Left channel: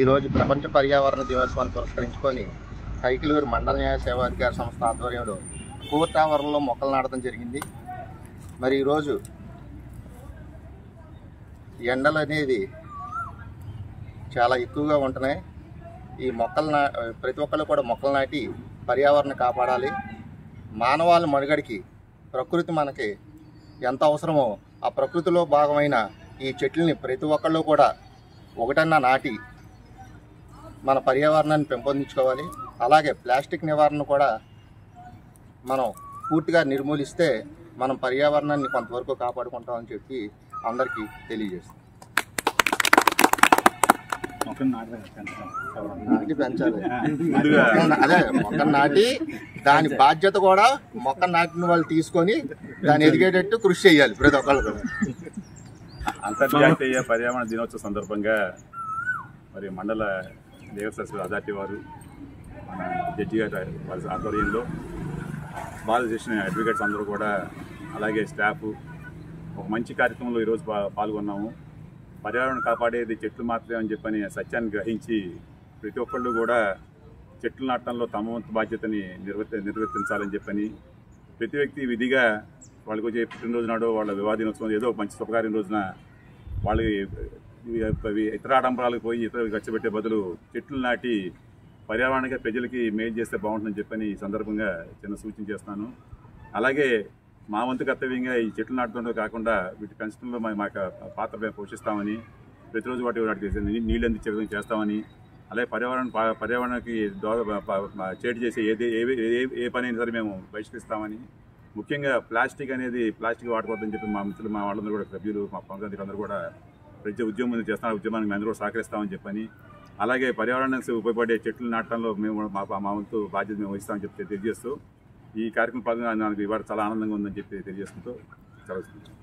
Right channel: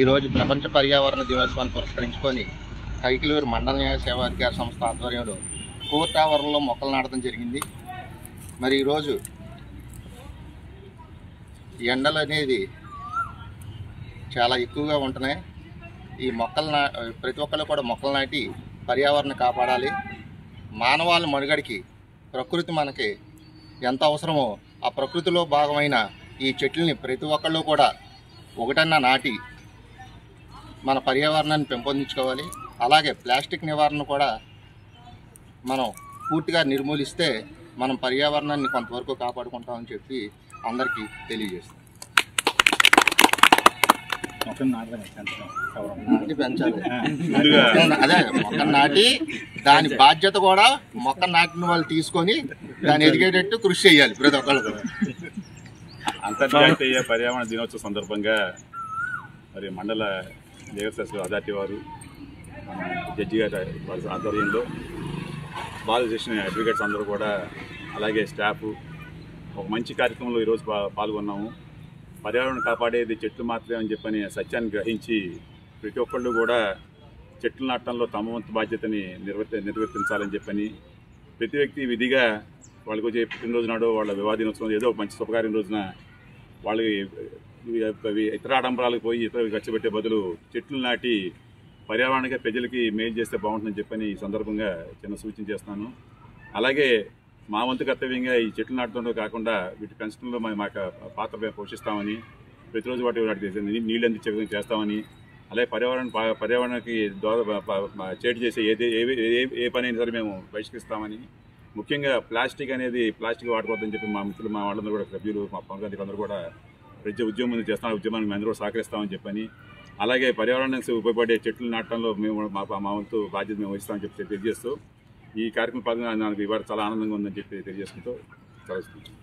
ఈరోజు ప్రపంచ పర్యావరణ దినోత్సవాన్ని పురస్కరించుకొని కైకిలూరు మండల న్యాయ సేవా అధికార సంస్థ ఆధ్వర్యంలో కోర్టు ఆవరణలో మొక్కలు నాటడం జరిగింది. మరి ఈరోజు ఎండలు అనేది చాలా ఎక్కువగా ఉంటున్నాయి. ఈ మొక్కలు ప్రతి ఒక్కళ్ళు కూడా మొక్కలు నాటి పర్యావరణం కాపాడాలి. మానవాళి మనుగడికి ప్రకృతి మనకి ఎంత అవసరమో ఆ ప్రకృతిలో భాగమైన ఈ చెట్లని ప్రతి ఒక్కళ్ళు కూడా ఒకటన్నా నాటి మన పర్యావరణాన్ని పెంపొందించుకోవాలి. అలాగే ప్లాస్టిక్ నివారణ కూడా మనం పూర్తిగా నిర్మూలిస్తే మనం పర్యావరణాన్ని కొంతవరకు కాపాడుకుంటామని చెప్పి అందరికీ తెలియజేస్తాం. నాటి పెంచాలి, అదే మొక్కను నాటి దాని బాధ్యత కూడా మొక్క నాటిన వాళ్ళు తీసుకొని దాన్ని ఎదిగేటట్టు కృషి చేయాలి ప్రతి ఒక్కళ్ళు కూడా. అంతర్జాతీయ పర్యావరణ దినోత్సవ సందర్భంగా మరి మండల లీగల్ సర్వీసెస్ అథారిటీ వారు జడ్జి గారి వారి ఆధ్వర్యంలో బాల్ చేసిన అడ్వకేట్స్ అందరూ కూడా అలాగే స్టాఫ్ ఒక మంచి కార్యక్రమంలో ఈరోజు పాల్గొన్నాము. పర్యావరణం కాపాడేది చెట్లు మాత్రమే అని చెప్పని సత్యాన్ని గ్రహించి ప్రతి ఒక్కళ్ళు కూడా చెట్లు నాటడంలో తమ వంతు బాధ్యతని నిర్వర్తించాలని చెప్పని ప్రతి వ్యక్తి విధిగా వాళ్ళకి వచ్చే పుట్టినరోజు నాడు వాళ్ళ వివాహ దినోత్సవం ఏదో మంచి శుభకార్యం రోజున వాళ్ళకి ఇతర ఆడంబరాలకు పోయి ఇతర ఖర్చు పెట్టే బదులు చెట్లు నాటి పర్యావరణానికి ప్రజలకి మేలు చేస్తే బాగుంటుందని చెప్పని ఈ సందర్భంగా చిన్న సూచన చేస్తాను. అలాగే మా వంతు కర్తవ్యంగా ఈ చెట్లు నాటడంలో కాకుండా వీటి పెంచడంలో మాకు పాత్ర పోషిస్తామని, ప్రతిరోజు వాటికి నీళ్ళు అందించే విధంగా చేస్తామని, అలాగే పర్యావరణానికి చేటు చేసే ఏ పని అయినా సరే మేము బహిష్కరిస్తామని, ముఖ్యంగా ప్లాస్టిక్ వాడుకోవద్దని చెప్పి మా మిత్రులు మా వాళ్ళందరూ కూడా సభ్యులు మా పవన్ అందరూ కూడా ప్రతి ఉద్యమం చేస్తున్న ఉద్యమానికి మేము అందరూ సహకరిస్తామని చెప్పని, అలాగే పర్యావరణానికి ఉపయోగపడే చెట్లు నాటడంలో మేము మా వంతు బాధ్యత మేము వహిస్తామని చెప్పి తెలియజేస్తూ ఈ కార్యక్రమం పాల్గొని నాకు ఇవాళ చాలా ఆనందంగా ఉందని చెప్పి తెలియజేసుకుంటూ సెలవుకుంటాం.